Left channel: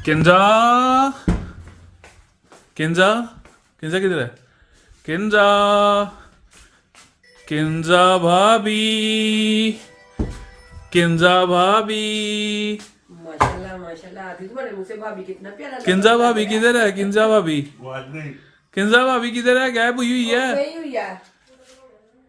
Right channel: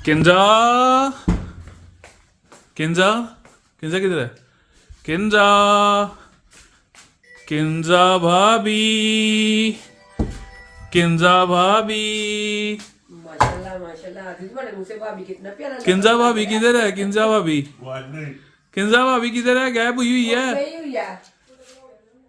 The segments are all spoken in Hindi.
किंजा किंजा किंजा किधर है? किंजा किंजा भाभी, किंजा भाभी, माशाल्लाह माशाल्लाह। अभी तुम्हारे मुंह से भाभी कितना प्यारा लगा। किंजा भाभी किधर है? किंजा भाभी, किंजा भाभी किधर है? गायब हुई हुई है। गई हुई है।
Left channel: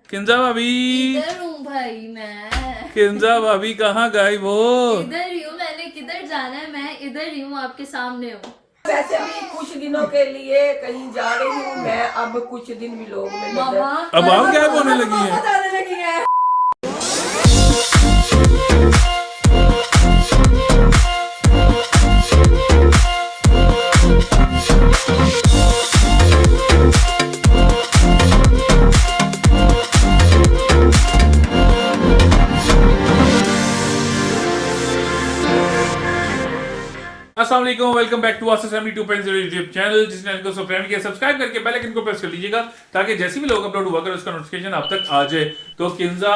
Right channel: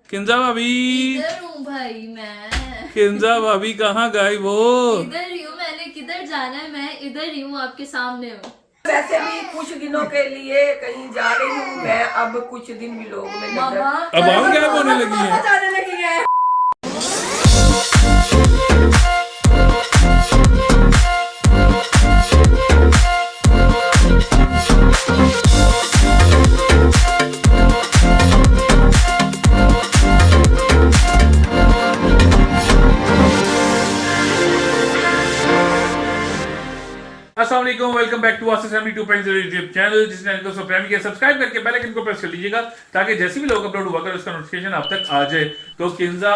किंजा भाभी, इधर हूँ भाई मैं। किंजा भाभी कहाँ गायब हो? इधर ही हूँ, मैंने किधर जाना है, मैं इधर ही हूँ, आपके सामने हूँ। वैसे भी कुछ दिनों के लिए कहीं जा रही हूँ मैं, अब कुछ दिन भी लोग में नजर अब आप गायब होने लगी हैं। जाने लगी है। अस्सलाम वालेकुम, welcome back to Asif family 2.0 YouTube channel. जिस चैनल को सब्सक्राइब किया, सब्सक्राइब करके बेल आइकन को प्रेस कर लीजिएगा ताकि जैसे भी लोग अपलोड हुआ करे उसका नोटिफिकेशन आप तक आ जाए। तो किंजा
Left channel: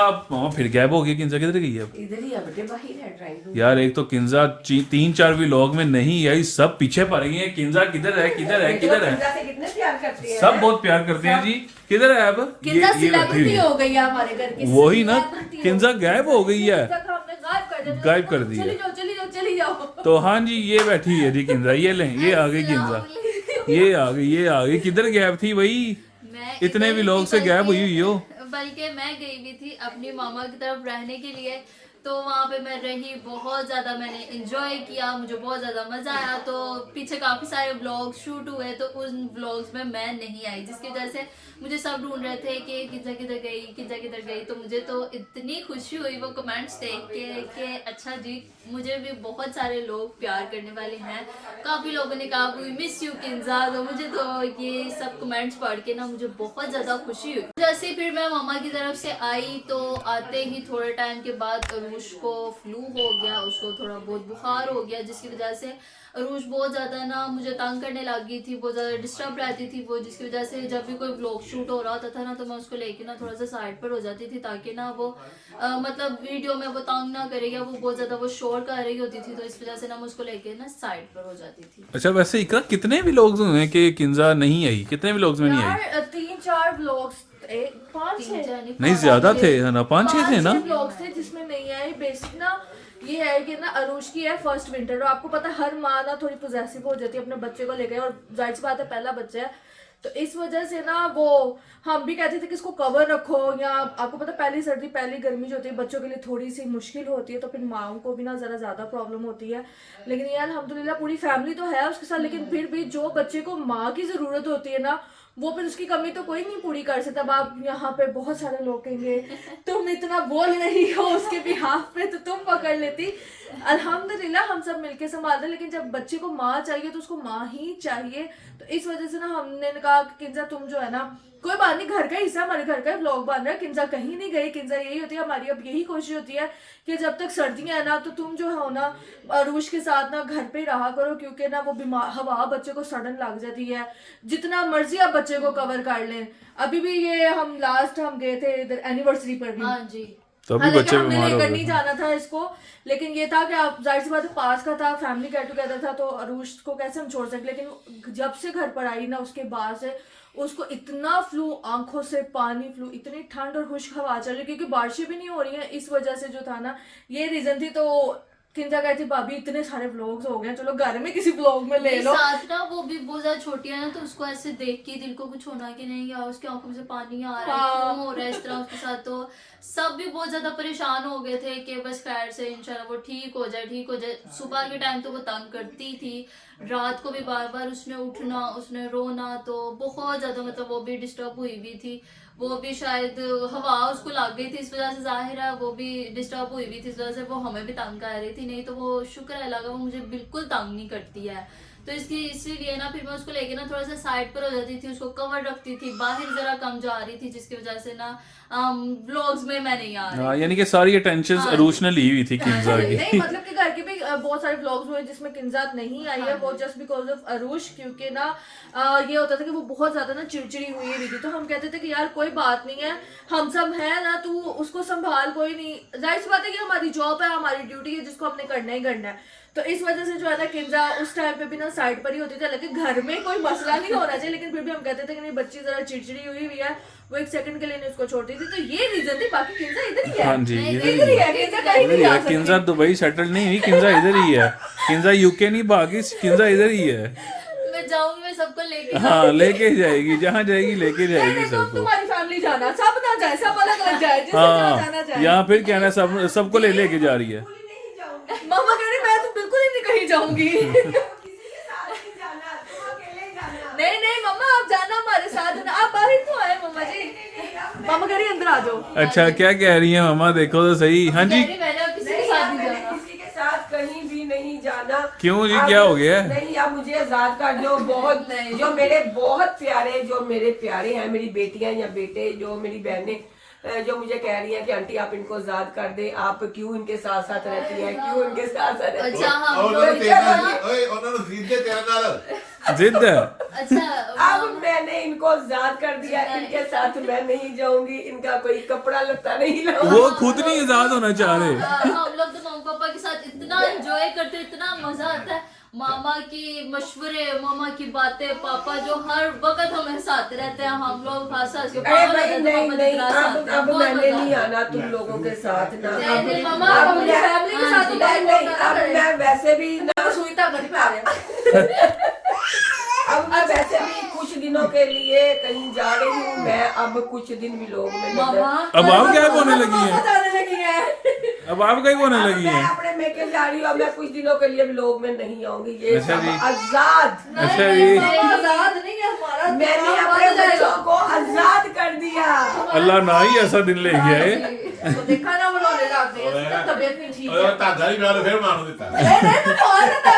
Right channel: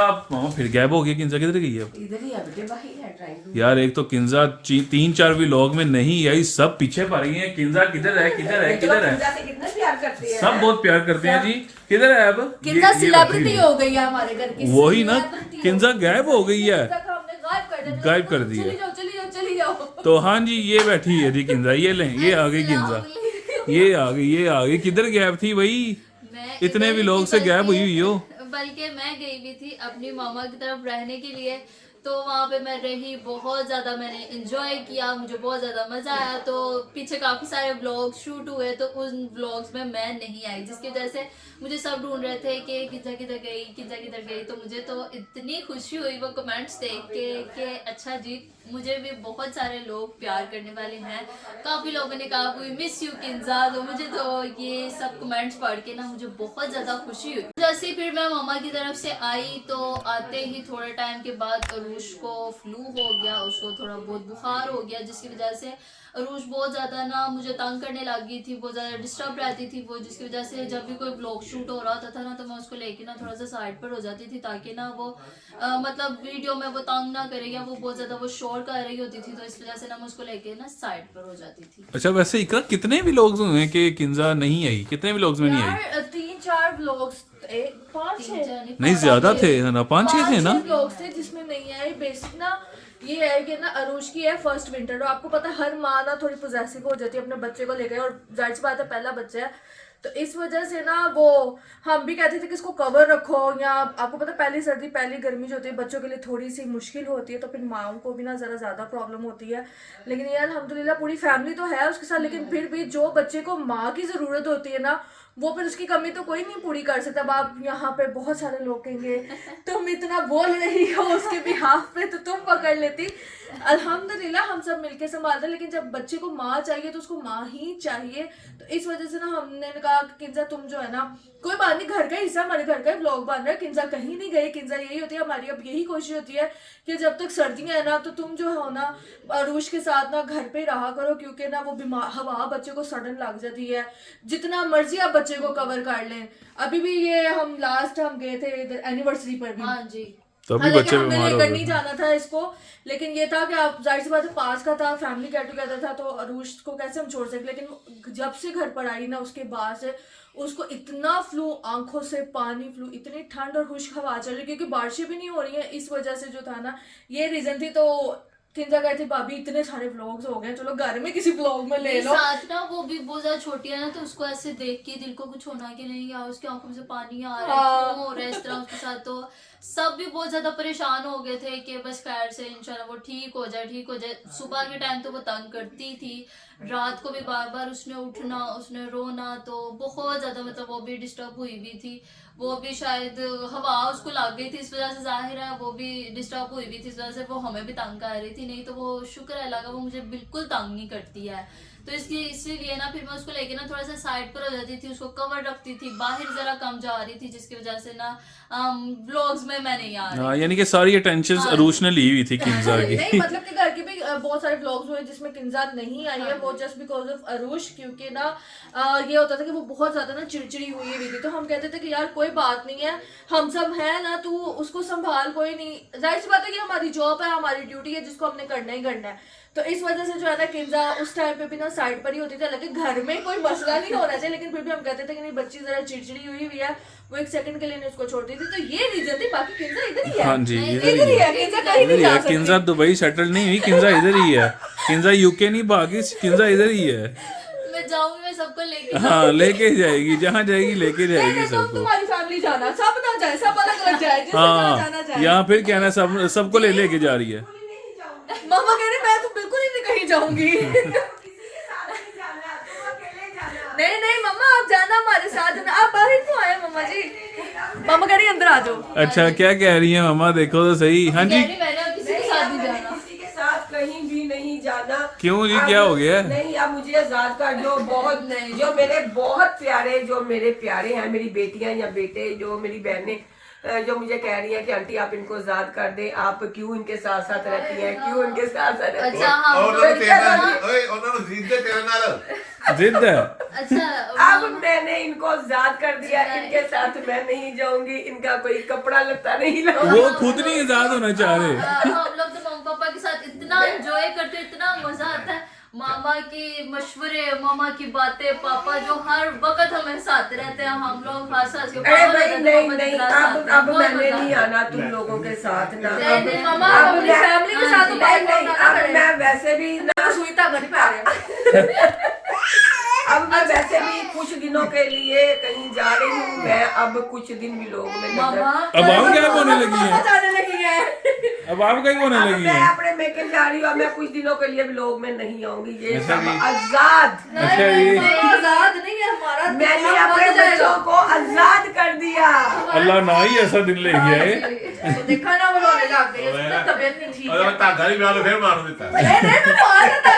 फिर गैब हो गया। किंजा किधर गई है अब? इधर ही है बेटे, बाहर है ड्राइंग। यार एक तो किंजा 3-4 व्लॉग में नहीं आई, सब पीछे पड़ रही हैं। किंजा किधर है, किधर है, किधर है? कितना प्यार करती है। सब बहुत प्यार करते हैं जी। किधर है अब? किंजा बैठी सेलिब्रिटी हुई है। हो गई है हमारे घर की। वही ना, celebrity हो किंजा गई। गायब हो गई है। तक हमने गायब कर दिया। गायब कर दी है। चली जाओ चली जाओ चली जाओ। तो हाँ जी, ये बैठी है जी किंजा। ये लें, ये आ गई किंजा, ये आ गई, ये आ गई। किधर गैब थी भाई? मैं इतने इधर ही व्लॉग थी, से गायब हुई हुई हो। बल्कि मैं गई हुई थी अपनी मामा की तरफ रहने के लिए, तो वहाँ पे मैं रही, बहुत ज़्यादा मैंने इंजॉय किया, मुझे बहुत ज़्यादा मज़ा आया। तो पीछे काफ़ी सारे व्लॉग्स शूट हुए, तो उन व्लॉग्स में मैं नहीं आई, जिसकी वजह से मुझे सब ढूंढ रहे थे कि किंजा किधर गई, किंजा किधर गई। तो मुझे तो इतनी खुशी हुई वो कमेंट्स देख के कि अच्छा जी, मुझे भी बहुत सारे लोग प्यार करने वाले हैं। काफ़ी लोगों ने कहा वी मिस यू किंजा। तो मुझे तो ये सब कमेंट्स पढ़ के ना मुझे बहुत ज़्यादा खुशी हुई। जैसे फिर मैं मामा की तरफ से आई तो आते ही थोड़े टाइम के बाद अरूश को फ्लू हो गया, उसको थोड़ा बहुत बुखार हो गया, जिसकी वजह से अरूश बहुत ज़्यादा ना मुझे तंग करने लग गई थी, बहुत ज़्यादा डिस्टर्ब रहती थी वो, जिसकी वजह से जब भी कोई ब्लॉग शूट हो रहा होता था ना तो मैं उसको लेके ना थोड़ा सा साइड पर हो जाती थी, ताकि ना वो मतलब वीडियो में वो तंग ना करेगा। वो बहुत ज़्यादा वो शोर कर रही होती थी, तो इस वजह से ना मैं उसको लेके ना साइड पर हो जाती थी। अच्छा, वैसे इकरा कितने व्लॉग्स हुए हैं कि किंजा नहीं आई? कितने व्लॉग्स में नहीं आई? यार 3-4 व्लॉग्स, 5-6 नहीं ज्यादा थे ना, 5-6 थे ना। व्लॉग्स थे जिसमें नहीं आए। बेसिक ना ये है कि ना अरूश की है फर्स्ट विंटर, और आपको पता है हर माँ ना थोड़ी पोजेसिव हो जाती है अपने बच्चे को लेकर, और जाहिर सी बात है पहला बच्चा है, तो इस वजह से ना वो हम भी कहते थे कि इसको कवर रखो, या आपको पता पहली सर्दी पहली गर्मी जो होती है बच्चों के लिए थोड़ी सी मुश्किल होती है, तो फिर माओं को भी ना ज़रा ज़्यादा प्रॉब्लम होती है। लेकिन ये अल्हम्दुलिल्लाह पूरी फैमिली तो है उसके साथ, लेकिन फिर भी जो बच्चे को माँ की ज़रूरत होती है ना, वो फिर उसकी कमी तो कोई नहीं पूरी कर सकता। अब आप यहाँ पे बहुत सारे लोग कहेंगे तुम इतना बोल रही हो उसके बिहाफ पे, तो तुम पकड़ लेती। अल्हम्दुलिल्लाह हम सब मिलके संभालते हैं, लेकिन जब बच्चे को माँ चाहिए तो उसको माँ ही चाहिए। तो इस वजह से ना हमने कहा कि किंजा तुम जो है ना, कोई बात नहीं, घर का हिस्सा, हमारे घर का व्लॉग बन रहा है, किंजा कहीं नहीं गई। किंजा यही होती है हमारी, अब यही कोशिश होती है कि जब तक सर्दियां है ना तो तुम जो हो ना अरूश के साथ ना घर पे रहा करो, क्योंकि ना वो बीमार हवा बच्चे को सडन लग जाती है। जितना मर्जी आप बच्चे को कवर कर लें। अभी भी ये हम गए थे इधर एनिवर्सरी पर भी। हाँ जी, तो अभी हालांकि बच्चे हमने बीमार हो लेकर नहीं गए। जाना था इसको, लेकिन ये था कि आप जाहिर सी बात है पास का था, फैमिली गेट टुगेदर था, तो अरूश को कैसे हम छोड़ सकते। लेकिन जब से घर पर आई ना उसके बाद से उसको इतना फ्लू, आंखों से पानी, फ्लू, इतनी ठंड और खुश्क हवा चल रही, क्योंकि बारिशें भी नहीं हो रही हैं, इस वजह से जो था ना ये रीजन थी। तो किंजा कहती थी भाभी इतने सारे व्लॉग्स हो गए, चलो घर में किसी व्लॉग में ले मेरे लो। साथ ना वो भी बहुत ज्यादा छोटी है ना, तो उसको ऐसे देख के दिल को कुछ होना कि नहीं यार उसकी आंखों में से पानी आ रहा है, क्यों हो रहा है इस तरह उसके साथ। तो सब भी बहुत ज्यादा परेशान हो गए थे कि बस खैर से इंशाल्लाह वो ठीक हो जाए, ठीक हो जाए। सुबह के टाइम तो वो तंग करती थी, रात को भी बार बार उसने उठना, उसने रोना, तो बहुत ज्यादा मतलब वो भी डिस्टर्ब हुई हुई थी। वो भी शायद हवा उसको लग गई थी, इस वजह से जाहिर है वो भी डिस्टर्ब हुई हुई थी, इस वजह से वो हमें भी तंग कर रही थी। नहीं तो वो शुक्र है लगा, वो मुझे बिल्कुल तंग नहीं करती है। तो इसीलिए ना फिर मैं उसको लेके ना थोड़ा सा साइड पर हो जाती थी, उसको कवर रखती थी, बाहर जरा कम जा रही थी, जिसकी वजह से ना व्लॉग्स में मैं नहीं आ रही। हाँ, यानी कि सारी अटेंशन हाँ। अरूश ने ली हुई थी किंजा की। नहीं मतलब कि घर के भी बहुत सारे व्लॉग्स हुए जिसमें किंजा नहीं आई है, वो जस्ट बिकॉज ऑफ अरूश, क्योंकि ना ये होता था कि वो बहुत ज्यादा ना चिड़चिड़ी हुई थी। तो हम कहते थे कि यार कोई बात नहीं है, हम सब है ना, तू उसको संभाल, कोई नहीं। जाहिर सी बात है कि हमारी जॉब है, हमारी ड्यूटी है जिसको हमने करना ही करना है। तो इस वजह से जो है ना किंजा उस टाइम पे भी ना साइड पर ही होती थी। हालांकि घर में कोई मसला नहीं होना चाहिए, लेकिन फिर भी हम कहते थे कि नहीं बच्ची जरा चिड़चिड़ी हुई हुई है, वो एक सेकंड के लिए नहीं उसको छोड़ती थी। तो ये रीजन थी, बाकी किंजा इधर ही है। हाँ जी, नहीं, इधर इधर ही ही है, है किंजा, कहीं इधर ही नहीं है। जा सकती। किंजा दुबई सेटल नहीं हुई, किंजा इधर ही है। किंजा यूके नहीं भागी, किंजा इधर ही है। मैं जाऊंगी, मैं सबको लेके हाँ, लेके जाएगी, जहाँ जाएगी लेके नहीं, जाएगी नहीं, तुम सबको। तुम्हारी फैमिली जाना, सब ना जाए, सब अलग अलग जाए, जिसे जहाँ जाना हाँ, चाहे। यहाँ फिर कहना सब सबको ले लेके जा रही है। मामा कह रही मैं तो बिल्कुल ही नहीं कहीं जाऊंगी। नहीं नहीं मम्मा आप जाना हमारे साथ ना, आप बाहर तो आए मम्मा जी। मामा कह रही अंदर आ जाओ। अच्छा, क्या कह रही है मामा, देखो तो सही। हाँ जी, मैंने अब किसी के साथ नहीं जाना। किसी के साथ कहीं भी नहीं जाना। क्यों जी, अब- क्या हो गया? नहीं, अब मुझे आजाद कर दो। बहुत जो मेरे बहुत प्यारे, जो मेरे प्यारे हैं, मेरी बेटियां या बेटे, जो मेरी बहनें जो मुझे कह रही हैं कि आंटी आप इनको आजाद कर दें, आप क्यों इनके साथ साथ रहती हैं, क्यों इनके साथ साथ रहती अच्छा हैं। हाँ, ਉਹਨਾਂ ਨੂੰ ਤੇਰੇ ਨਾਲ ਓਏ ਉਹਨਾਂ ਨੂੰ ਜ਼ਿੱਦੇ ਤੇਰੇ ਨਾਲ जिद है। अच्छा अब मैंने इनको आजाद कर दिया, इनके साथ मैं नहीं जाऊंगी, इनका कोई कपड़ा लगता नहीं लाऊंगी। वो खुद नहीं आजाद होना चाह रहे। हम लोग तो मम्मी पापा के साथ इतना एंजॉय करते, इतना मजा आता है। मामा की मशवरे, मामा की बातें, पापा जो हर वक्त हमें साथ रहते हैं, हम लोग हंस हंस के अरे पागल भाई हो जाते हैं, नहीं पापा नहीं, जितना साथ में, अब बहुत मैंने मजा नहीं आता है। आना तुम लोगों के साथ ना। नहीं, अब नहीं, मामा, अब अपनी मैं- फैमिली के साथ तो बात नहीं, करना अब पड़ेगा। मैं वैसे भी मैं सुई धागा नहीं पा रहे। अब मैं वैसे भी कुछ दिनों के लिए कहीं जा रही हूँ। मैं अब कुछ दिन भी लोग में मामा अब आप क्या होने लगी हैं? जाने लगी है। अब आप कहीं होने अब लगी मैं हैं? अपने मेके जा रही हूँ। अब मैं कुछ दिनों के लिए भी लोग में नहीं आऊंगी। ये अच्छा सब जी। आजाद। अच्छा जी, आजाद नहीं है हमारा, मैंने दिमाग अपने बंद जाएगा। बच्चों को आजाद कर दिया। अल्लाह ना ही ऐसा दिन ले गया है। तो देखा ना वो रोने लग गए, इसका तबीयत नहीं ठीक ਓਏ है। ਧਾਗਾ ਨਹੀਂ ਮੈਂ ਉਹਨੂੰ ਫਿਰ ਮਾਰਨ ਦਿੱਤਾ नहीं नहीं मैं मार देता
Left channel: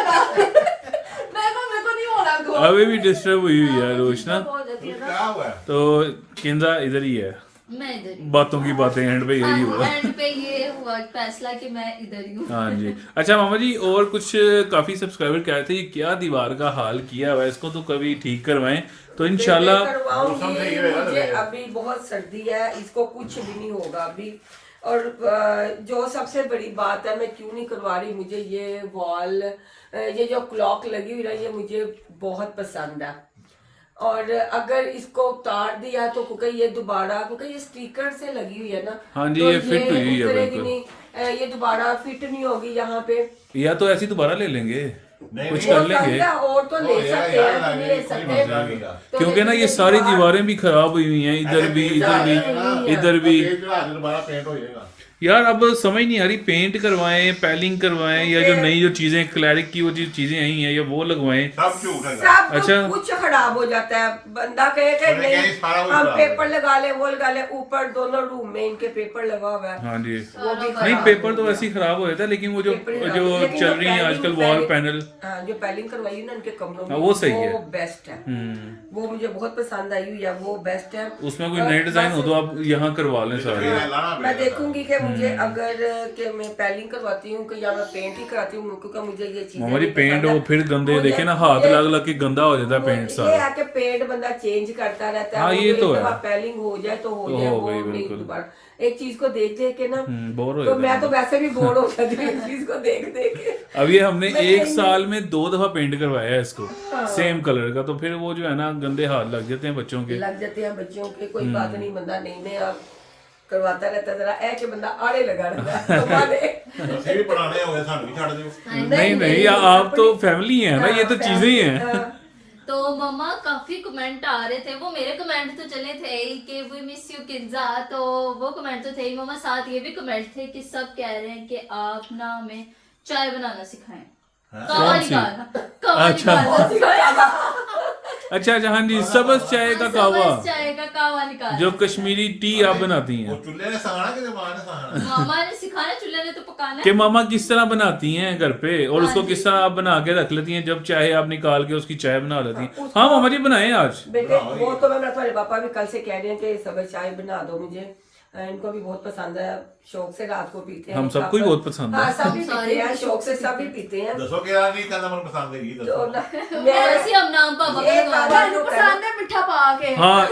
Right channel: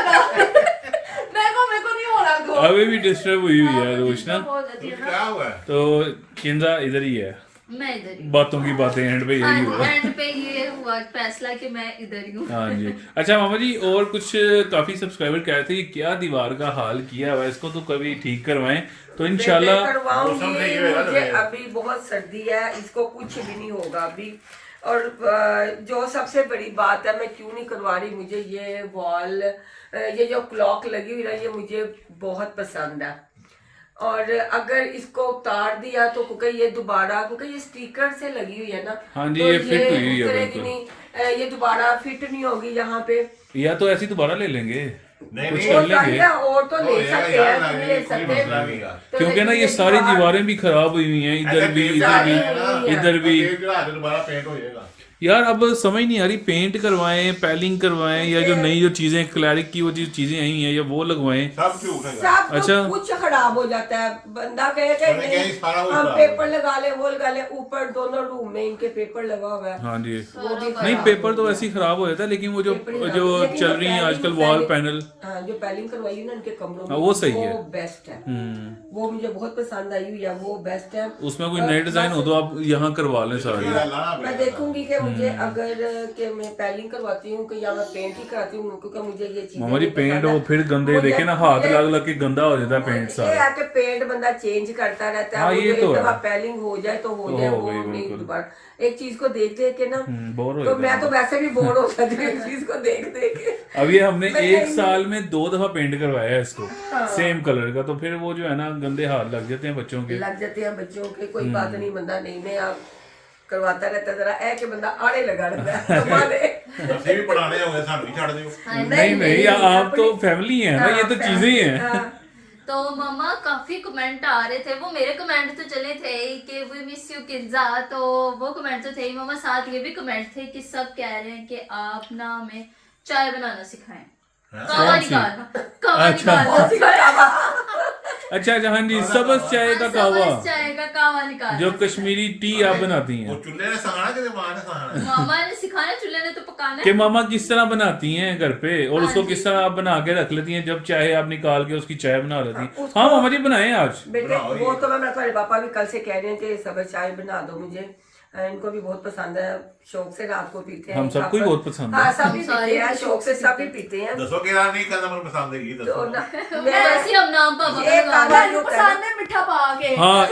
मेरे को नहीं हो रहा गो। अभी भी डिस्टर्ब हुई हुई है रोशना। हो जाती है ना। क्या हुआ तो किंजा इधर ही है, मैं इधर ही बातों की बातें एंड पे यही हुआ। एंड पे ये हुआ फैसला कि मैं इधर ही हूँ। हाँ जी। अच्छा मामा जी, और कुछ काफी सब्सक्राइबर कह रहे थे ये क्या दीवार का हाल किया हुआ है, इसको तो कभी ठीक करवाएं तो इंशाल्लाह। मैं करवाऊंगी। मौसम नहीं होगा ना मुझे मेरा। अभी बहुत सर्दी है, इसको कुछ भी नहीं होगा अभी। और जो सबसे बड़ी बात है, मैं क्यों नहीं करवा रही, मुझे ये वॉल, ये जो क्लॉक लगी हुई है, ये मुझे बहुत पसंद है। और अगर इसको उतार दिया तो क्योंकि ये दोबारा, क्योंकि ये स्टिकर से लगी हुई है ना। हाँ जी, तो ये फिट हुई हुई है उतरेगी बिल्कुल। नहीं, ये दोबारा फिट नहीं होगी यहाँ पे। या तो ऐसी दोबारा ले लेंगे, नहीं, कुछ नहीं, कर और लेंगे। चाहिए और तो ले हो जाएगा सकते यार, हैं, आगे ले कोई सकते मसला हैं। नहीं है। तो क्योंकि ना ये सारी दीवारें भी खराब हुई हुई हैं, इधर भी इधर भी इधर भी। दोबारा पेंट हो जाएगा। यार अब समझ नहीं आ रही, पेंट करवाएं, पैलिंग करवाएं, या जो नई जो चीजें क्लैरिक की वो चीजें आई हैं या वो लगवाएं। सब झूठ है सब अच्छा। कुछ खराब हो जाता है। बंदा कहे कि मैंने नहीं कहीं सारा वो हम खराब पेपर लगा ले, वो लगा ले, ऊपर दोनों रूम में इनके पेपर लगा हुआ है। हाँ जी। वो भी नहीं, खराब पेपर हो तो गया। वैसे ही खराब हो जाता है, लेकिन वो जो पेपर जो लेकिन चल रही हैं पैलिंग- आजकल वॉल पैलिंग- पैनल, हाँ, जो पैलिंग करवाई है ना इनके कमरों में, हाँ, वो सही है। वो बेस्ट है। वो मुझे बहुत पसंद आई हुई है, वो बेस्ट है। उसमें कोई नए डिजाइन हो तो आप यहाँ करवा लें सारी। मैं देखूंगी कि मुझे अगर कि मैं पैलिंग करवाती हूँ कि या मैं पेंट ही कराती हूँ, क्योंकि मुझे ये चीजें मामा जी नहीं पेंट पसंद वो है। फिर गंदे मुझे- देखे ना, हाथ मुझे- लग लग के गंदा हो जाता है पेंट ये सारा। है कि पेंट बंदा चेंज करता रहता है। हाँ, वो ये जो तो एक है। दफा पैलिंग हो जाए तो हो तो जाए, हो वो गई, नहीं बिल्कुल। दोबारा। एक चीज को देख देख के ना, बोर हो तो जाता मैं है। तो वैसे भी बोर हो जाती हूँ एक चीज को देख देख के। अब ये हमने मैं एक नहीं- साल में 2 दफा पेंट करवाया है इसको, सेम कलर का, तो फिर वो जो है ना गंदे हाथ लग जाते हैं बच्चों के। लग जाते हैं बच्चों के, कोई बात नहीं, बंदा नहीं में आप करवाता रहता है, जरा ऐ के बंदा आड़े लगा रहता है करवा दे। ਅਸੀਂ ਵੀ ਪੁਰਾਣੇ ਹੋ ਗਏ, ਸਾਨੂੰ ਵੀ ਛੱਡ ਦਿਓ। नहीं नहीं, आप तो फैमिली है ना, ये तो चीजें ही हैं। तो मम्मा काफी कमेंट आ रहे थे, वो मेरे कमेंट तो चले थे ही कि वी मिस यू किंजा, तो वो कमेंट तो थे ही मम्मा, साथ ये भी कमेंट थे कि सब कह रहे हैं कि आप ना हमें चाय बनाना सिखाएं। कावा कौन सी? निकालना, कावा अच्छा। निकालना। अच्छा अच्छा, हाँ जी, सबज चाय का कावा, सबज चाय का कावा निकालना। जो कश्मीरी टी आप बनाती हैं। ਉਹ ਚੁੱਲ੍ਹੇ ਨੇ ਸਹਾਣਾ ਕਿ ਮਾਂ ਨੇ ਸਹਾਣਾ? मामा ने सिखाया, चूल्हे ने तो पकाना कि है। मामा किस तरह बनाती हैं घर पे, और उसको किस तरह आप बना के रख लेती हैं, जब चाहे आप निकाल के उसकी चाय बना लेती हैं। हाँ मामा जी बनाएं आज। बेटे वो तो मैं तुम्हारे पापा भी कल से कह रहे हैं कि सब चाय बना दो मुझे, इनको भी बहुत पसंद है, शौक से रात को पीते हैं। हम सबको ही बहुत पसंद है। हाँ, सभी पीते हैं शौक से, सभी पीते हैं। ਦੱਸੋ ਕਿਹੜਾ नहीं ਕਹਿੰਦਾ ਮੈਨੂੰ ਪਸੰਦ ਹੈਗੀ तो ਦੱਸੋ। ना- वैसे हम नाम पापा का ये लगा कावा रहे हैं। जो पसंद है मिठा पा के। हाँ,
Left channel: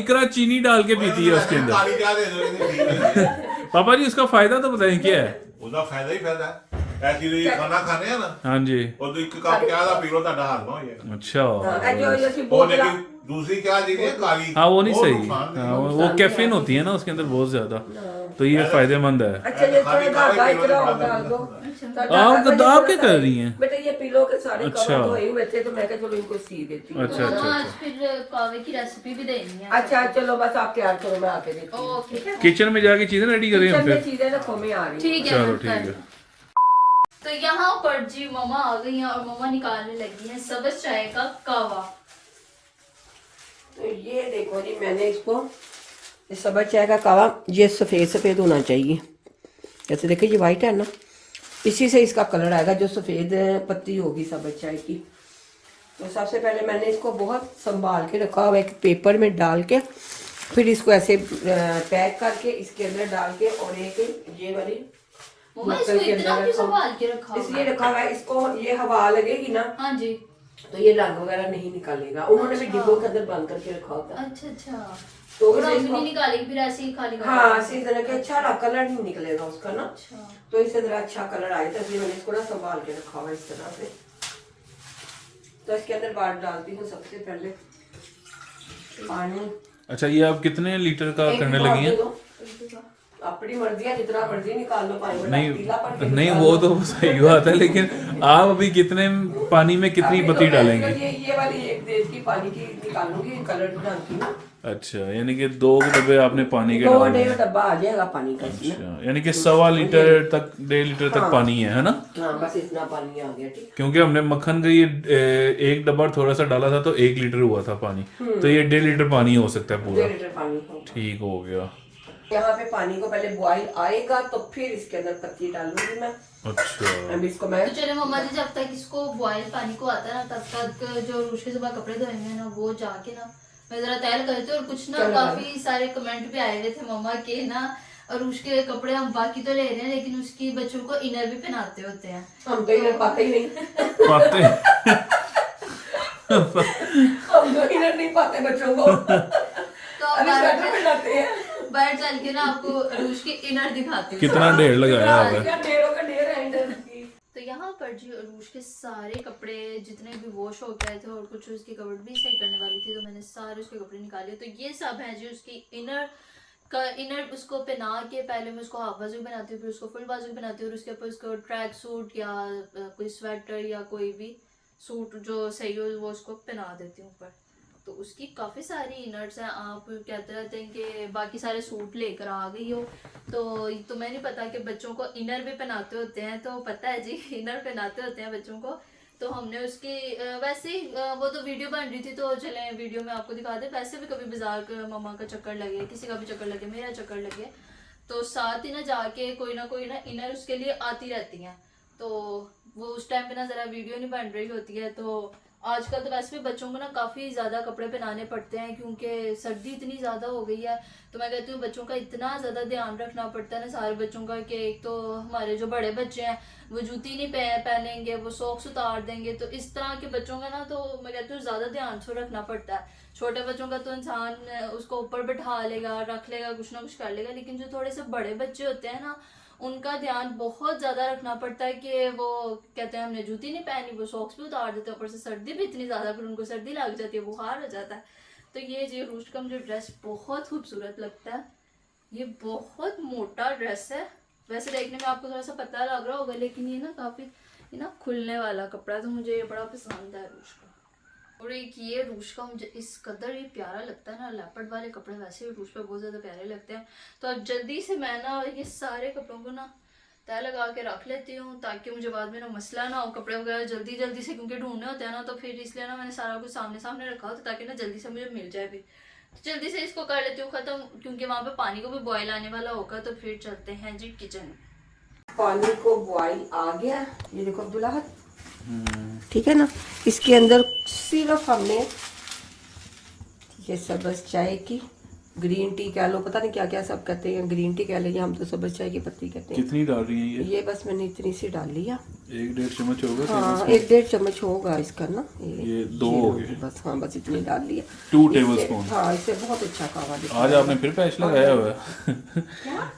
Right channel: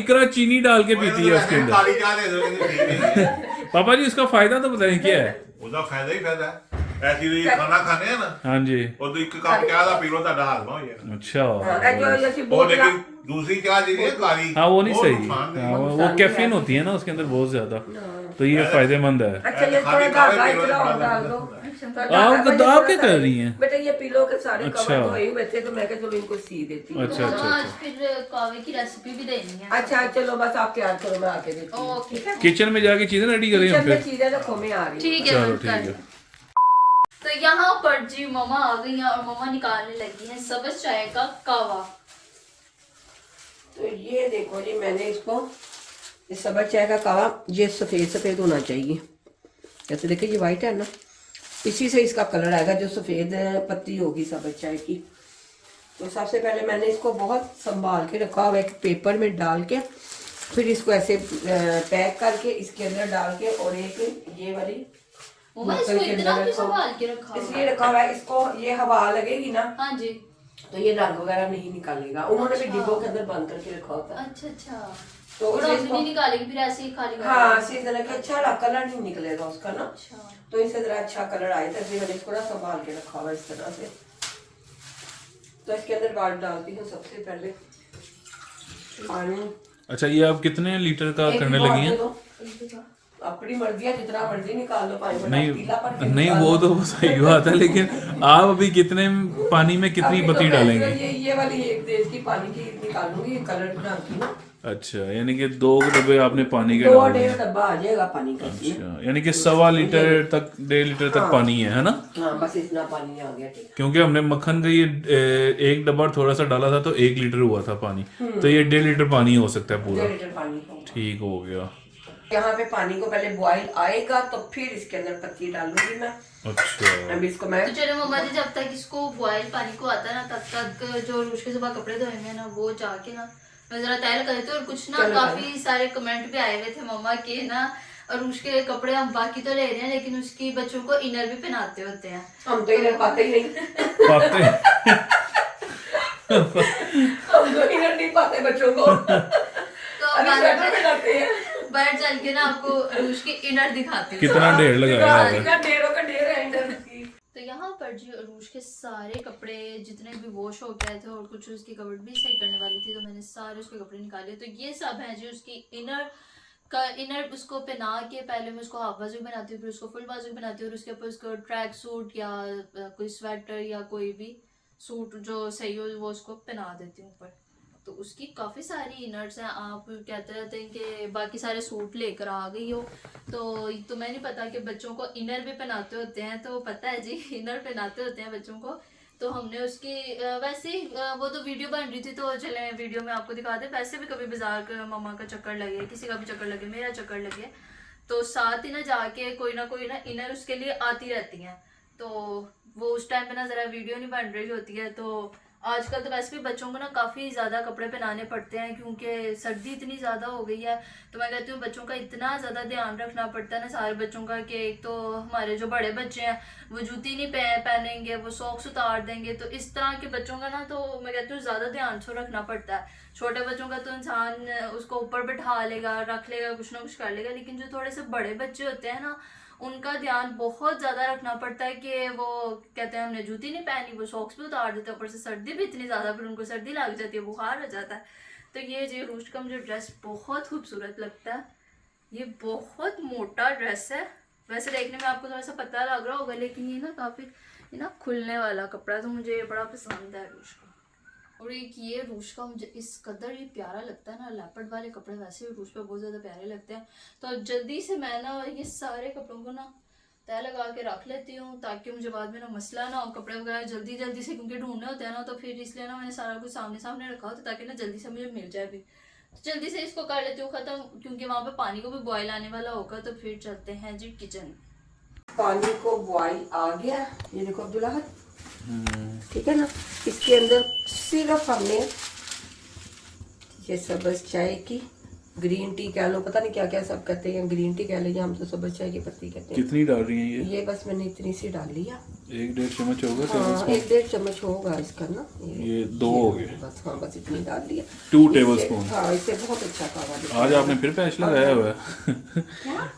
इकरा चीनी डाल के पीती है उसके अंदर। ਕਾਲੀ ਚਾਹ ਦੇ ਦਿਓ, ਕਹਿੰਦੀ ਠੀਕ ਹੈ। पापा जी उसका फायदा तो बताएं क्या है। ਉਹਦਾ ਫਾਇਦਾ ਹੀ ਫਾਇਦਾ ਹੈ। ਐਸੀ ਵੀ ਖਾਣਾ ਖਾਣੇ ਆ ਨਾ ਹਾਂਜੀ ਉਦੋਂ ਇੱਕ ਕੱਪ ਚਾਹ ਦਾ ਪੀ ਲਓ ਤੁਹਾਡਾ ਹਾਜ਼ਮਾ ਹੋ ਜਾਏਗਾ अच्छा ਇਹ ਜੋ ਅਸੀਂ ਉਹ ਬੋਤਲਾਂ ਲੇਕਿਨ दूसरी चाह जी है काली हाँ वो नहीं वो सही नुकसान देगी। हाँ, वो कैफीन होती है ना उसके अंदर बहुत ज्यादा तो ये फायदेमंद है अच्छा ये थोड़ा धागा खाली इतना और खाली डाल दो आप क्या कर रही हैं? बेटा ये पिलो के सारे अच्छा। कवर धोए हुए थे तो मैं कहा चलो इनको सी देती हूँ अच्छा अच्छा आज अच्छा फिर कावे की रेसिपी भी देनी है अच्छा चलो बस आप तैयार करो मैं आके देती हूँ ओके किचन में जाके चीजें रेडी करें हम किचन में फिर चीजें रखो मैं आ रही हूँ ठीक है चलो मैं ठीक कर- है तो यहाँ पर जी मम्मा आ गई हैं और मम्मा निकालने लगी हैं सब्ज चाय का कावा। तो ये देखो जी मैंने इसको इस सब्ज चाय का कावा ये सफ़ेद सफ़ेद होना चाहिए जैसे देखिए ये वाइट है ना इसी से इसका कलर आएगा जो सफ़ेद पत्ती होगी सब्ज चाय की। तो सबसे पहले मैंने इसको बहुत संभाल के रखा हुआ एक पेपर में डाल के फिर इसको ऐसे पैक करके इसके अंदर डाल के और एक ये वाली मम्मा बोतल इसको के इतना अंदर भी रखा संभाल के रखा हुआ इसलिए है। रखा हुआ है इसको ये हवा लगेगी ना हाँ जी तो ये रंग वगैरह नहीं निकालेगा उन्होंने भी डिब्बों के अंदर बंद करके रखा होता है अच्छा अच्छा तो और इसलिए हम इसको नहीं निकालेगी फिर ऐसे ही खाली कर हाँ देंगे। सीजन के अच्छा कलर नहीं निकलेगा उसका ना अच्छा तो इससे जरा अच्छा कलर आए तो इसलिए मैंने इसको ना संभाल के रखा हुआ इस तरह से। तो इसके अंदर बाल डालती हूँ सबसे पहले पानी अच्छा ये आप कितने लीटर का एक करने भी लगी और हैं? दे दो। अपनी मर्जी है जितना मर्जी निकाल लो पानी नहीं पीला पड़ के नहीं निकाल वो लो। तो सही बात है लेकिन आप अभी कितने पानी में कितनी अभी तो पत्ती मैं डालेंगी? ये वाली एक देश की पानी की निकालूंगी कलर डालती ना अच्छा यानी कि 2 डब्बे आपने पानी के दो डाल दिए। 1.5 डब्बा आ जाएगा पानी का इसमें। अच्छा यानी कि 1.25 लीटर तक 1.5 लीटर तक पानी है ना? हाँ बस इतना पानी आ गया ठीक। क्योंकि हमने मक्खन का ये एक डब्बा थोड़ा सा डाला था तो 1 लीटर हुआ था पानी तो ये 1.5 लीटर पानी हो सकता है 2 पूरा। लीटर पानी होगा। ठीक हो गया। यहाँ पे पानी को पहले बॉईल आएगा तो फिर इसके अंदर पत्ती डालूंगी मैं। अच्छा अभी इसको मैं तो चले मम्मा जी जब तक इसको बॉयल पानी को आता है ना तब तक जो रूश के सुबह कपड़े धोएंगे ना वो जाके ना मैं जरा तैयार कर देती हूँ। और कुछ ना चलो काफी सारे कमेंट भी आए हुए थे मम्मा के ना रूश के कपड़े हम बाकी तो ले रहे हैं लेकिन उसकी बच्चों को इनर भी पहनाते होते हैं। हम तो इधर पाते ही नहीं पाते हम तो इधर नहीं पाते बच्चों को तो अभी हमारे स्वेटर में पहनाते हैं। बैठ चल के ना आपको रूश के इनर दिखाते हैं। कितना ढेर लगाया हुआ है। इतना ढेरों का ढेर है इधर की। तो यहाँ पर जी अरूश के सारे कपड़े जितने भी वॉश हो गए थे और कुछ उसकी कपड़े भी सही करने वाली थी तो मैंने सारे उसके कपड़े निकाले। तो ये सब है जी उसकी इनर उसको पहना के पहले मैं उसको हाफ बाजू बनाती हूँ फिर उसको फुल बाजू बनाती हूँ और उसके ऊपर उसको ट्रैक सूट या कोई स्वेटर या कोई भी सूट जो सही हो वो उसको पहना देती हूँ ऊपर। तो उसकी काफ़ी सारी इनर्स हैं। आप कहते रहते हैं कि बाकी सारे सूट लेकर आ गई हो तो तुम्हें नहीं पता कि बच्चों को इनर भी पहनाते होते हैं। तो पता है जी इनर पहनाते होते हैं बच्चों को। तो हमने उसकी वैसे ही वो तो वीडियो बन रही थी तो चले वीडियो में आपको दिखा दे। वैसे भी कभी बाजार का मम्मा का चक्कर लगे किसी का भी चक्कर लगे मेरा चक्कर लगे तो साथ ही ना जाके कोई ना इनर उसके लिए आती रहती हैं। तो वो उस टाइम पे ना ज़रा वीडियो नहीं बन रही होती है। तो आजकल तो वैसे भी बच्चों को ना काफ़ी ज़्यादा कपड़े पहनाने पड़ते हैं क्योंकि सर्दी इतनी ज़्यादा हो गई है। तो मैं कहती हूँ बच्चों का इतना ज़्यादा ध्यान रखना पड़ता है ना सारे बच्चों का कि एक तो हमारे जो बड़े बच्चे हैं वो जूती नहीं पहनेंगे वो सॉक्स उतार देंगे। तो इस तरह के बच्चों का ना तो मैं कहती हूँ ज़्यादा ध्यान से रखना पड़ता है। छोटे बच्चों का तो इंसान उसको ऊपर बैठा लेगा रख लेगा कुछ ना कुछ कर लेगा लेकिन जो थोड़े से बड़े बच्चे होते हैं ना उनका ध्यान बहुत ज़्यादा रखना पड़ता है कि वो कहते हैं हमने जूती नहीं पहनी वो सॉक्स भी उतार देते हैं। ऊपर से सर्दी भी इतनी ज़्यादा फिर उनको सर्दी लग जाती है बुखार हो जाता है। तो ये जी रूश का मुझे ड्रेस बहुत खूबसूरत लगता है। ये बहुत मोटा ड्रेस है वैसे देखने में आपको थोड़ा सा पता लग रहा होगा लेकिन ये ना काफ़ी ये ना खुलने वाला कपड़ा तो मुझे ये बड़ा पसंद है रूश का। और एक ये रूश का मुझे इस कदर ये प्यारा लगता है ना लेपर्ड वाले कपड़े वैसे भी रूश पे बहुत ज़्यादा प्यारे लगते हैं। तो अब जल्दी से मैं ना ये सारे कपड़ों को ना तय लगा के रख लेती हूँ ताकि मुझे बाद में ना मसला ना हो कपड़े वगैरह जल्दी से क्योंकि ढूंढने होते हैं ना तो फिर इसलिए ना मैंने सारा कुछ सामने रखा होता ताकि ना जल्दी से मुझे मिल जाए भी। तो जल्दी से इसको कर लेती हूँ ख़त्म क्योंकि वहाँ पे पानी को भी बॉयल आने वाला होगा। तो फिर चलते हैं जी किचन। पानी को बॉईल आ गया ये देखो अब्दुल्ला ठीक है ना। इसके अंदर सिर्फ हमने ये सब्ज चाय की ग्रीन टी कह लो, पता नहीं क्या क्या सब कहते हैं, ग्रीन टी कह लेंगे हम तो, सब्ज चाय की पत्ती कहते हैं। कितनी डाल रही हैं ये बस मैंने इतनी सी डाल लिया। 1-1.5 चम्मच होगा हाँ, 1-1.5 चम्मच होगा इसका ना। ये 2 हो गए। बस हाँ, बस इतनी डाल लिया। 2 इससे- टेबलस्पून। हाँ, इससे बहुत अच्छा कावा दिखता आज आपने फिर पैच लगाया हुआ है।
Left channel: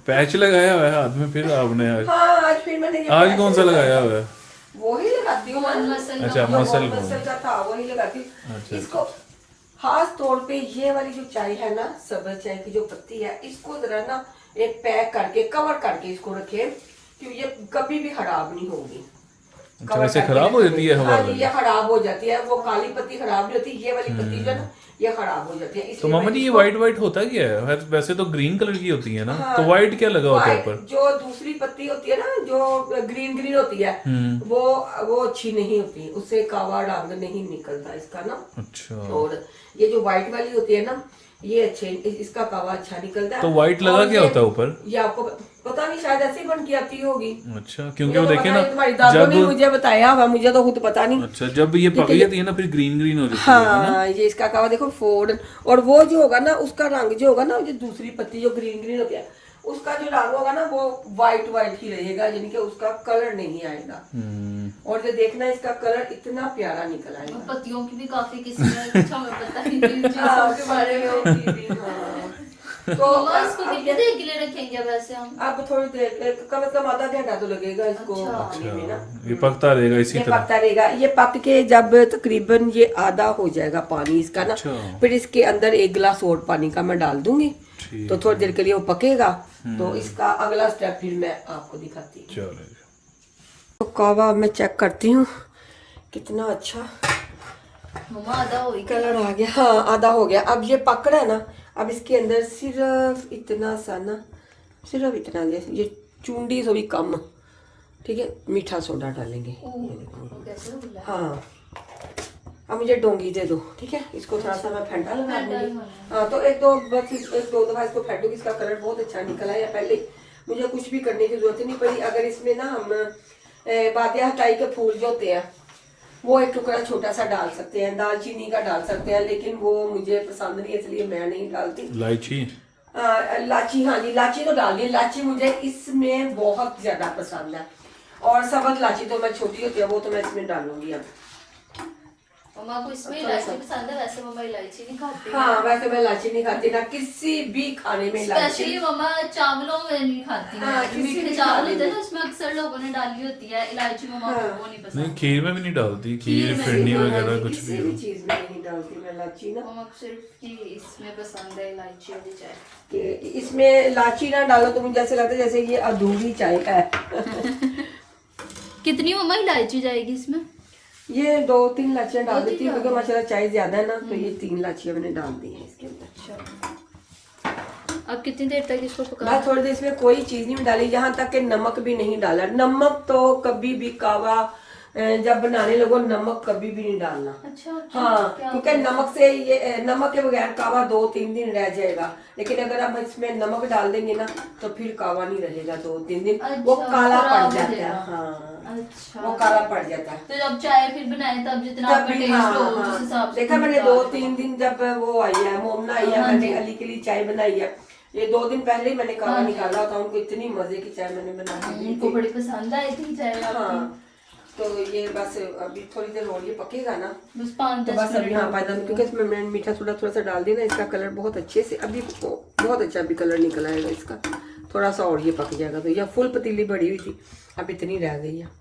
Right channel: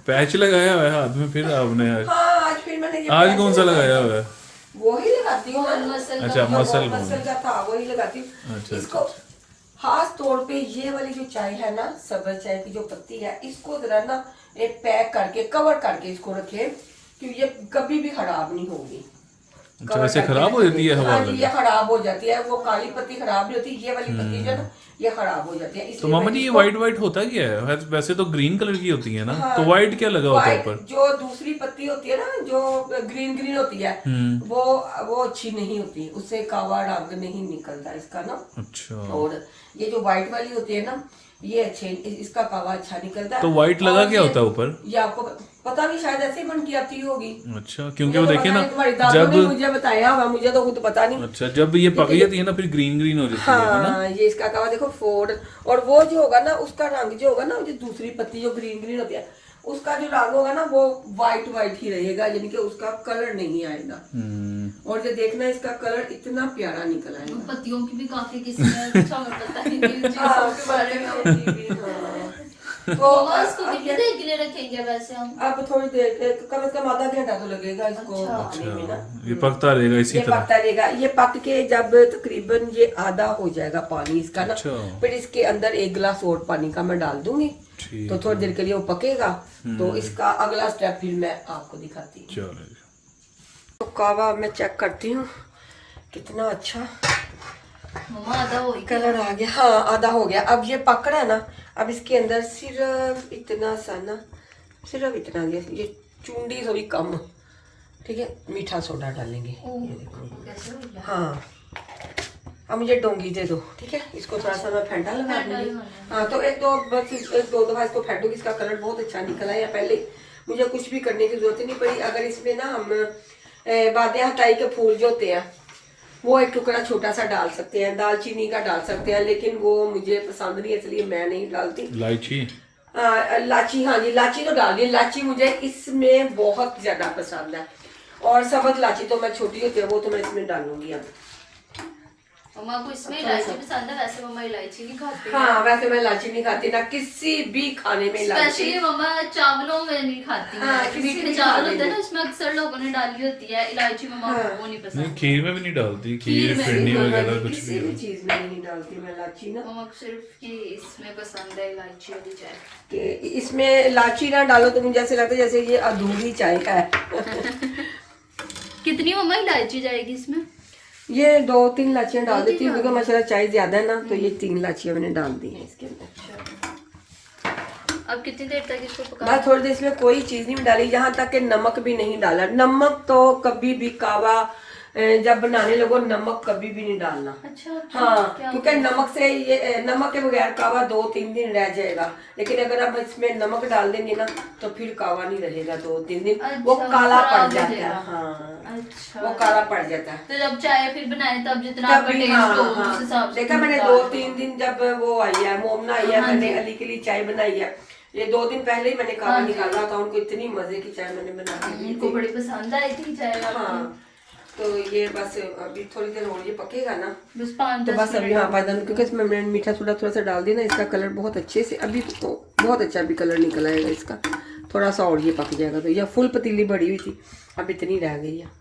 पैच लगाया हुआ है हाथ में फिर आपने आज। हाँ, आज फिर मैंने ये आज पैच कौन सा लगाया हुआ है? वही लगाती हूँ मैं। मसल अच्छा, वो मसल मसल का था, वही लगाती हूँ। अच्छा, इसको खास तौर पे ये वाली जो चाय है ना, सब्ज चाय की जो पत्ती है, इसको जरा ना एक पैक करके कवर करके इसको रखें, क्योंकि ये कभी भी खराब नहीं होगी। अच्छा, वैसे खराब हो जाती है हवा हाँ, लगे? ये खराब हो जाती है। वो काली पत्ती खराब नहीं होती, ये वाली पत्ती जो है ना, ये खराब हो जाती है। तो इसलिए मामा मैं जी ये इसको- व्हाइट व्हाइट होता क्या है? वैसे तो ग्रीन कलर की होती है ना, हाँ, तो व्हाइट क्या लगा होता है white ऊपर? जो दूसरी पत्ती होती है ना, जो ग्रीन ग्रीन होती है, वो अच्छी नहीं होती, उससे कावा रंग नहीं निकलता इसका ना। अच्छा, और ये जो व्हाइट वाली होती है ना, ये अच्छे, इसका कावा अच्छा निकलता है। तो white लगा और क्या ये- होता है ऊपर? ये आपको पता नहीं, शायद ऐसे ही बन के आती होगी। अच्छा, क्योंकि वो देखिए ना, तुम्हारी दादों ने जब मुझे बताया हुआ, मुझे तो खुद पता नहीं। अच्छा जब ये पक जाती है ना फिर ग्रीन ग्रीन हो जाती है ना। हाँ, ये इसका कावा देखो फोर्ड, और वो जो होगा ना, उसका रंग जो होगा ना, जो दूसरी पत्ती जो ग्रीन ग्रीन होती है, उसका जो रंग होगा ना, वो व्हाइट व्हाइट ही रहेगा, यानी कि उसका कलर नहीं आएगा। और जो देखना, इसका कलर इतना प्यारा निकल आएगा। पत्तियों की भी काफी किस्में हैं, कुछ हमें पता नहीं इन हाँ, चीजों के के बारे बारे में में। होती भी, हाँ। तो मम्मा इसको अब कितनी देर के लिए रखेंगे वैसे हम? अब थोड़ी देर, कम से कम आधा घंटा तो लगेगा इसको अच्छा। पकने में ना। ये पकता रहेगा इसी ये तरह। पकता रहेगा। ये पक के जब तकरीबन ये आधा हो जाएगा पानी इसका ना, अच्छा। फिर इसके अंदर 1 गिलास और पानी का मैं डाल दूंगी। ठीक तो थोड़ी देर के लिए वो पकेगा, तो इसका अगला स्टेप फिर मैं आपको दिखाती हूँ। चलो, तो कावा मैं चेक करती हूँ कितना अच्छा मम्मा आधा हो ही गया। कलर आ गया। हाँ, आधा हो गया। अब ये पक रहा है ना, अब इसके अंदर सिर्फ इतना सा ना, सिर्फ इतना, ये चुंडी थोड़ी कम, ठीक है, मीठा सोडा डालेंगे। वो कैसे हो गया? हाँ, अब मुझे डोंगी दे दो, ठीक है। इसको थोड़ा सा मैं फेंटा लगा दूंगी। हाँ, तो एक दो दफा इसको फेंटूंगी, इसका कलर बहुत अच्छा निकला है। पहले मुझे कुछ भी करने की जरूरत ही नहीं पड़ी। अगर इसमें ना हम बादे हटाई के फूल जो होते हैं, वो एक टुकड़ा छोटा सा डाल सकते हैं, दालचीनी का डाल सकते हैं, लेकिन वो मुझे पसंद नहीं है, इसलिए मैं नहीं डालती। इलायची। लाची, हाँ जी, लाची तो डाल दी। लाची मुझे इसमें बहुत ज्यादा पसंद है, और सबज लाची तो मैं छोटी होती है, वो तो मैं इसमें डालूंगी अब। मम्मा को इसमें इलायची पसंद है, वैसे मम्मा इलायची नहीं खाती। हाँ, वैसे मैं इलायची नहीं खाती ना, किसी भी खाने में इलायची। स्पेशली मम्मा चावलों में नहीं खाती। हाँ, है। किसी मीठे भी चावल खाने होते हैं में। ना, उसमें अक्सर लोगों ने डाली होती है इलायची, मम्मा को वो नहीं नहीं, पसंद। खीर में भी नहीं डालती, खीर खीर में फिरनी हाँ, वगैरह कुछ किसी भी भी हो। चीज में नहीं डालती मैं इलायची ना, मम्मा को सिर्फ ये इसमें पसंद है इलायची वाली चाय। कि इसमें इलायची ना डालो तो मुझे ऐसे लगता है जैसे ये अधूरी चाय है। कितनी मम्मा इलायची जाएगी इसमें? ये 2-3 लाचियां डाल 2-3 देती हूँ, क्योंकि डाल माशाल्लाह चाय ज्यादा है ना, तो ये 3 लाचियां मैंने डाल दी है इसके अंदर। अब कितनी देर तक इसको पकाना? बस थोड़ी देर, इसमें कोई चीज नहीं डाली, यहाँ तक कि नमक भी नहीं डाला। नमक तो कभी भी कावा जब बनाने लगो, नमक कभी भी नहीं डालना। अच्छा, हाँ, क्या क्योंकि नमक से ये नमक के बगैर कावा 2-3 दिन रह जाएगा, लेकिन अगर आप इसमें नमक डाल देंगे ना, तो फिर कावा नहीं रहेगा 2-3 दिन, वो अच्छा, काला खराब पड़ हो जाता है। जाएगा। हाँ, अच्छा, वो काला पड़ जाता है। तो जब चाय फिर बनाए तब जितना आपका तभी, टेस्ट हाँ, हो उस हाँ। हिसाब से देखा मैंने डाल 2-3 दिन जब वो आई है, मोमना आई है, मैंने अली के लिए चाय बनाई है। ये 2 दिन पहले ही मैंने कावा निकाला था, उनको इतनी मजे की चाय मैंने बना के दी उनको थी। बड़ी पसंद आई थी चाय आपकी। हाँ, तो ये बस अभी थोड़ी देर और ये पकेगा ना, बस तो 5-10 बस अभी, हाँ, मिनट। 5 मिनट, क्योंकि इसमें मैंने मीठा सोडा थोड़ा सा डाल दिया ना, इसका कलर बहुत अच्छे से अभी बहुत अच्छा अभी कलर निकल आएगा इसका। थोड़ा सा और ये पक जाएगा, तो यह फुल पतीली बड़ी हुई थी, अब इतनी रह गई है।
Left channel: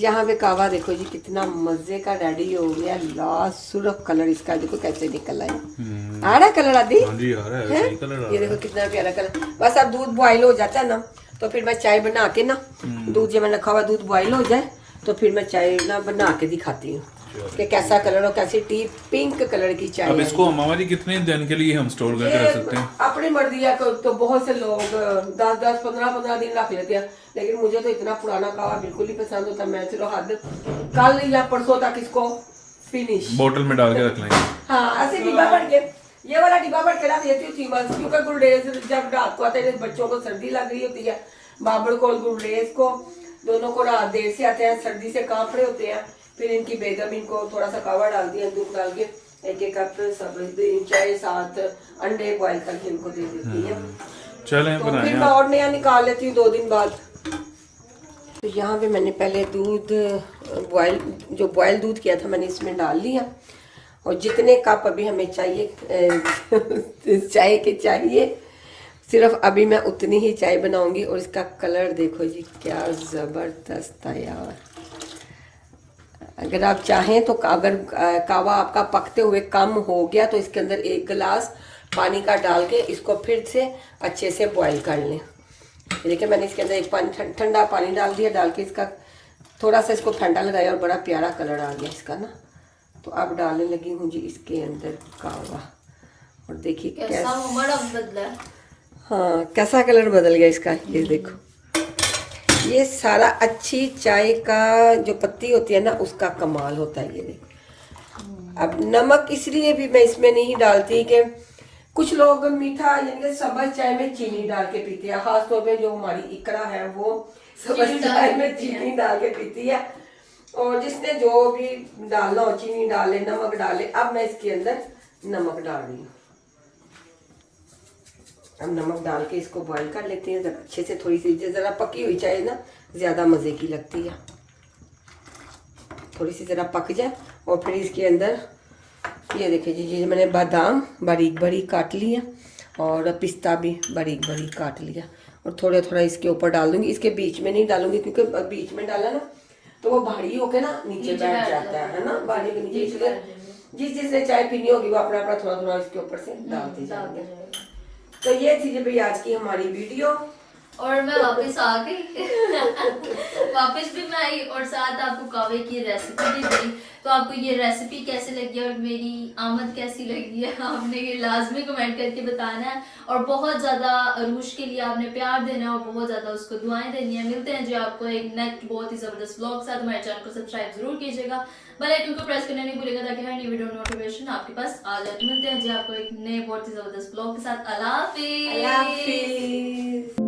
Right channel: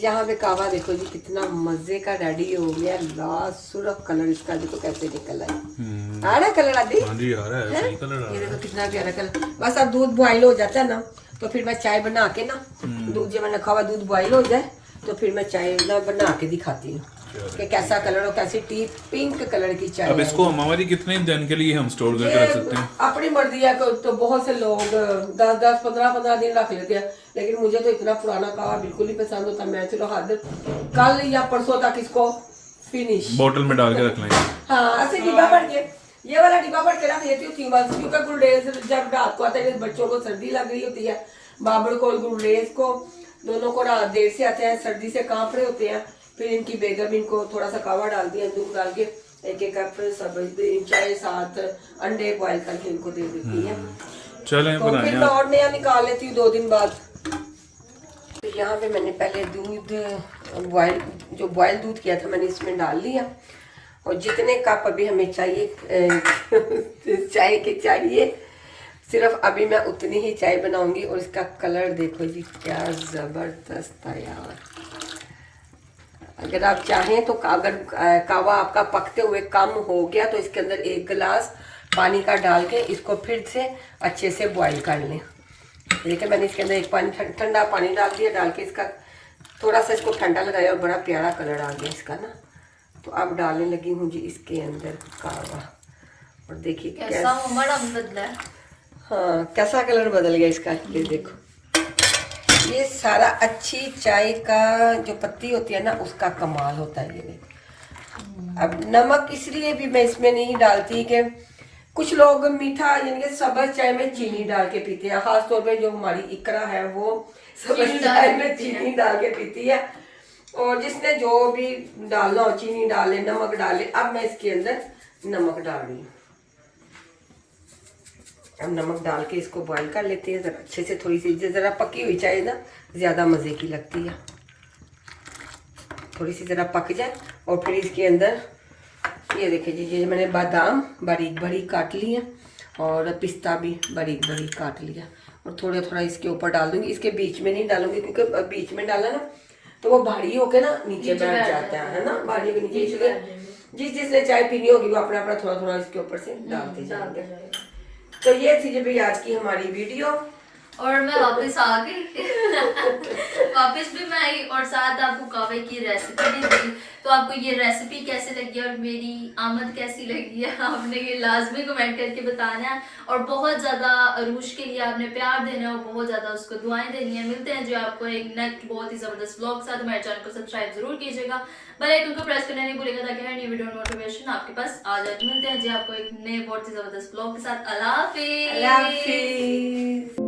यहाँ पे कावा देखो जी कितना मजे का रेडी हो गया, लाल सुर्ख कलर इसका देखो कैसे निकल आया। आ रहा है कलर आदि? हाँ जी, आ रहा है, सही कलर आ ये रहा देखो कितना प्यारा कलर। बस अब दूध बॉइल हो जाता है ना, तो फिर मैं चाय बना के ना, दूध जब मैंने रखा हुआ दूध बॉइल हो जाए, तो फिर मैं चाय ना बना के दिखाती हूँ कि कैसा कलर और कैसी टी पिंक कलर की चाय अब है। इसको मामा जी कितने दिन के लिए हम स्टोर करके रख सकते हैं? अपनी मर्जी है, तो बहुत से लोग 10-10, 15-15 दिन रख लेते हैं, लेकिन मुझे तो इतना पुराना कावा बिल्कुल नहीं पसंद होता। मैं चलो हद कल या परसों तक इसको फिनिश बोतल में डाल के रख लेंगे। हाँ, ऐसे डिब्बा भर के, ये वाला डिब्बा भर के रख लेती हूँ बस, क्योंकि गुलरेज जब रात को आते हैं, बच्चों को सर्दी लग रही होती है, बाबर को और गुलरेज को दोनों को रात देर से आते हैं, सर्दी से कांप रहे होते हैं, फिर इनकी बेगम इनको थोड़ा सा कावा डाल दिया दूध डाल के, 1 कप सब्जी चाय, साथ अंडे बॉईल करके इनको दे देती है। चलें तो बनाएं फिर मैं आप। और नया निकाल लेती हूँ 2 दिन बाद। तो यहाँ पे मैंने पहले दूध बॉयल दूध किया था मैंने इसमें डाल लिया, और जितने कप अभी हमें चाहिए चाय के चाहिए, सिर्फ अभी मैं उतनी ही चाय बनाऊंगी। और इसका कलर देखो जी क्या ज़बरदस्त है यार। अगर आप चाहें तो अगर कावा आपका पकते हुए कम हो गया तो इसके अंदर 1 गिलास पानी का डाल के इसको फिर से अच्छे से बॉईल कर लें। देखिए मैंने इसके अंदर एक ठंडा पानी डाल दिया, डाल के इसका थोड़ा सा इसको ठंडा लगाया और बड़ा प्यारा कलर आ गया इसका ना। तो अब डालने लगी हूँ जी इसके अंदर कावा, और देखिए कैसा बड़ा बदला है। हाँ कैसा कलर बदल गया इसका। ये देखो ये सारा अच्छी चाय का जो पत्ती होती है ना उसका कमाल होता है। ये देखो अब नमक इसलिए भी मैं इसमें नहीं डालती कि कुछ लोग मीठा यानी कि सब्ज चाय में चीनी डाल के पीते हैं, खास तौर पे जो हमारी इकरा है वो सब्ज चाय में चीनी डाल के पीती है। और जिसने जो भी डालना हो चीनी डाले, नमक डाले। अब मैं इसके अंदर नमक डाल रही हूँ। अब नमक डाल के इसको बॉईल कर लेते हैं ज़रा अच्छे से। थोड़ी सी ज़रा पकी हुई चाय ना ज़्यादा मज़े की लगती है। थोड़ी सी ज़रा पक जाए और फिर इसके अंदर ये देखिए जी, ये मैंने बादाम बारीक बारीक काट लिया और पिस्ता भी बारीक बारीक काट लिया, और थोड़ा थोड़ा इसके ऊपर डाल दूंगी। इसके बीच में नहीं डालूंगी क्योंकि बीच में डाला ना तो वो भारी होके ना नीचे बैठ जाता है ना, भारी के नीचे। इसलिए जिसने चाय पीनी होगी वो अपना अपना थोड़ा थोड़ा इसके ऊपर से डालते जाएंगे। तो ये थी भाई आज की हमारी वीडियो। और मैं वापस आ गई वापस भी मैं आई और साथ आपको कावे की रेसिपी भी दी। तो आपको ये रेसिपी कैसी लगी और मेरी आमद कैसी लगी है आपने ये लाजमी कमेंट करके बताना है। और बहुत ज़्यादा अरूश के लिए आपने प्यार देना है और बहुत ज़्यादा उसको दुआएं देनी है। मिलते हैं जो आपको एक नेक्स्ट बहुत ही ज़बरदस्त ब्लॉग के साथ। हमारे चैनल को सब्सक्राइब जरूर कीजिएगा, बेल आइकन को प्रेस करना नहीं भूलिएगा ताकि हर नई वीडियो नोटिफिकेशन आपके पास आ जाए। मिलते हैं जी आपको एक नए बहुत ही ज़बरदस्त ब्लॉग के साथ। अल्लाह हाफिज़। अल्लाह हाफिज़।